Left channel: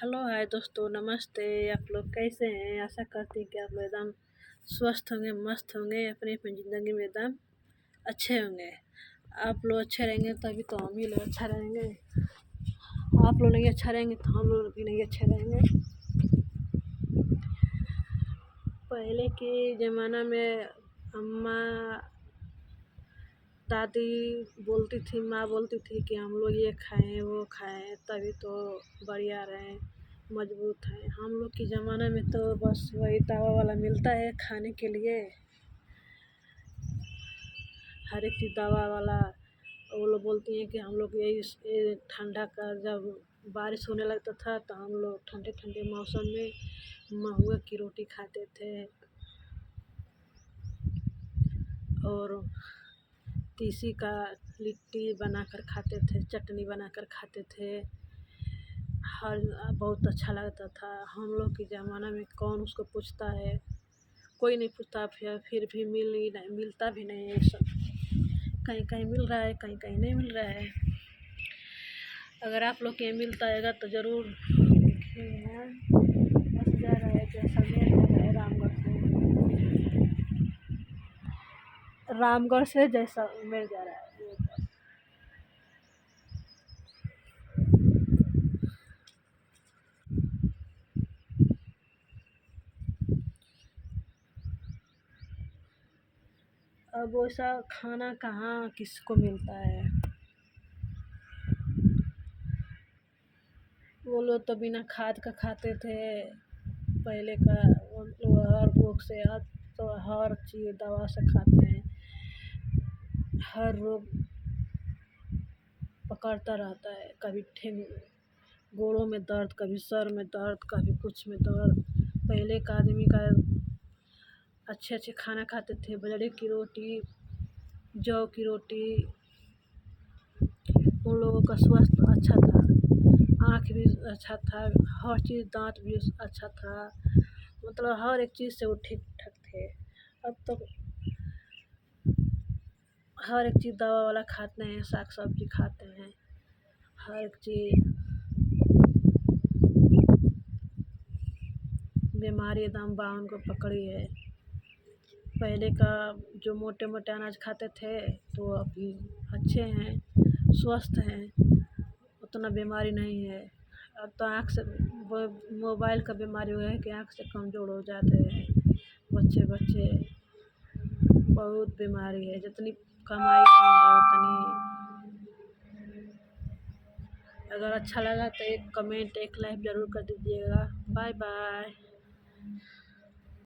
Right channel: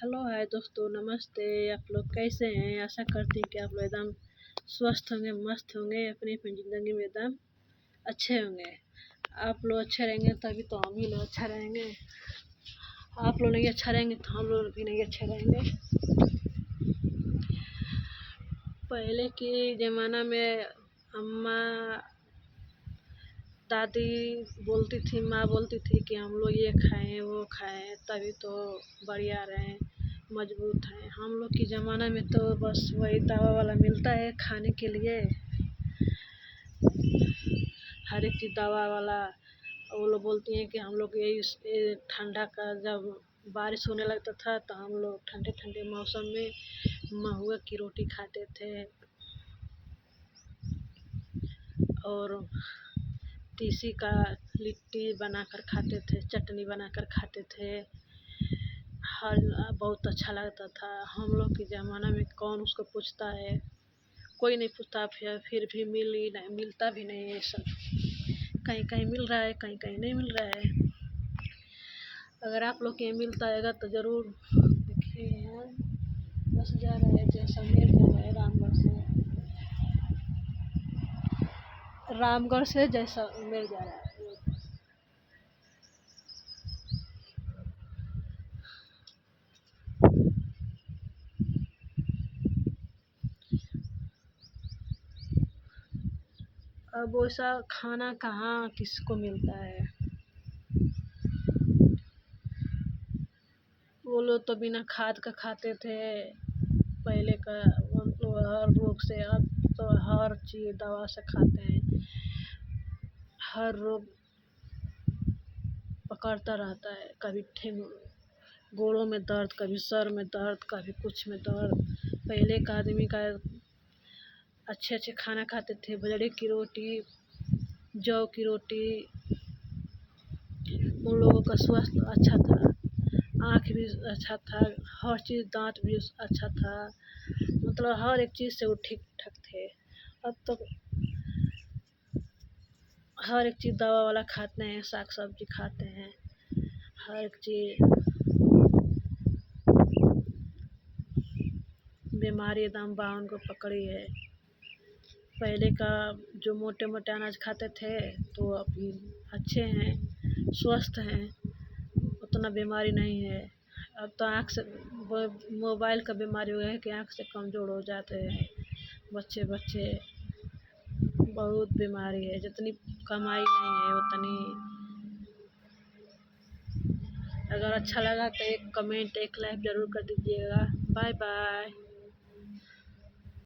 Hello hi दोस्तों, नमस्ते। आप लोग कैसे हैं? आशा करती हूँ कि आप लोग एकदम स्वस्थ होंगे, मस्त होंगे, अपनी अपनी ज़िंदगी में एकदम अच्छे होंगे। आप लोग अच्छे रहेंगे तभी तो हम भी लोग अच्छा रहेंगे। आप लोग नहीं अच्छा रहेंगे तो हम लोग भी नहीं अच्छे रहेंगे। पहले के ज़माना में अम्मा दादी बोलती थी, माँ बोलती थी कि हम लोग ये खाएं वो खाएं तभी तो बढ़िया रहें, मजबूत हैं। हम लोग के ज़माना में तो बस वही दवा वाला मिलता है खाने के लिए, हर एक चीज़ दवा वाला। वो लोग बोलती हैं कि हम लोग ये ठंडा का जब बारिश होने लगता था तो हम लोग ठंडे ठंडे मौसम में महुआ की रोटी खाते थे और तीसी का लिट्टी बनाकर खाते थे, चटनी बनाकर खाते थे। हर बहुत अच्छा लगता था। हम लोग के ज़माना में कौन उसको पूछता है, कोई नहीं पूछता। फिर भी मिलता भी नहीं है ये सब। कहीं कहीं मिल रहा है, कहीं कहीं नहीं मिल रहा है। अगर आप लोग के यहाँ मिलता है तो ज़रूर देखिए। बस जा रहा है जैसलमेर जा रहा है, रामगढ़ से जैसलमेर जा रहा है। अब वैसा खाना कहाँ किसको मिलता है। वो लोग तो बिना खाद का खाते थे पहले का। वो लोग हर रोग से, अब तो हर चीज़ दवा से खाते हैं। हर रोग पकड़ता रहता है, कभी गोड़ों में दर्द, कभी सर में दर्द, कभी कुछ में दर्द। पहले का आदमी का अच्छे अच्छे खाना खाते थे, बाजरे की रोटी, जौ की रोटी। उन लोगों का स्वास्थ्य अच्छा था, आँख भी अच्छा था, हर चीज़, दाँत भी अच्छा था, मतलब हर एक चीज़ से वो ठीक ठाक थे। अब तो हर एक चीज़ दवा वाला खाते हैं, साग सब्जी खाते हैं, हर एक चीज़। बीमारी एकदम बावन को पकड़ी है। पहले का जो मोटे मोटे अनाज खाते थे तो अभी अच्छे हैं, स्वस्थ हैं, उतना बीमारी नहीं है। अब तो आँख से मोबाइल का बीमारी हुआ है कि आँख से कमज़ोर हो जाते हैं बच्चे बच्चे। बहुत बीमारी है, जितनी कमाई नहीं है उतनी। अगर अच्छा लगा तो एक कमेंट, एक लाइक ज़रूर कर दीजिएगा। Bye bye.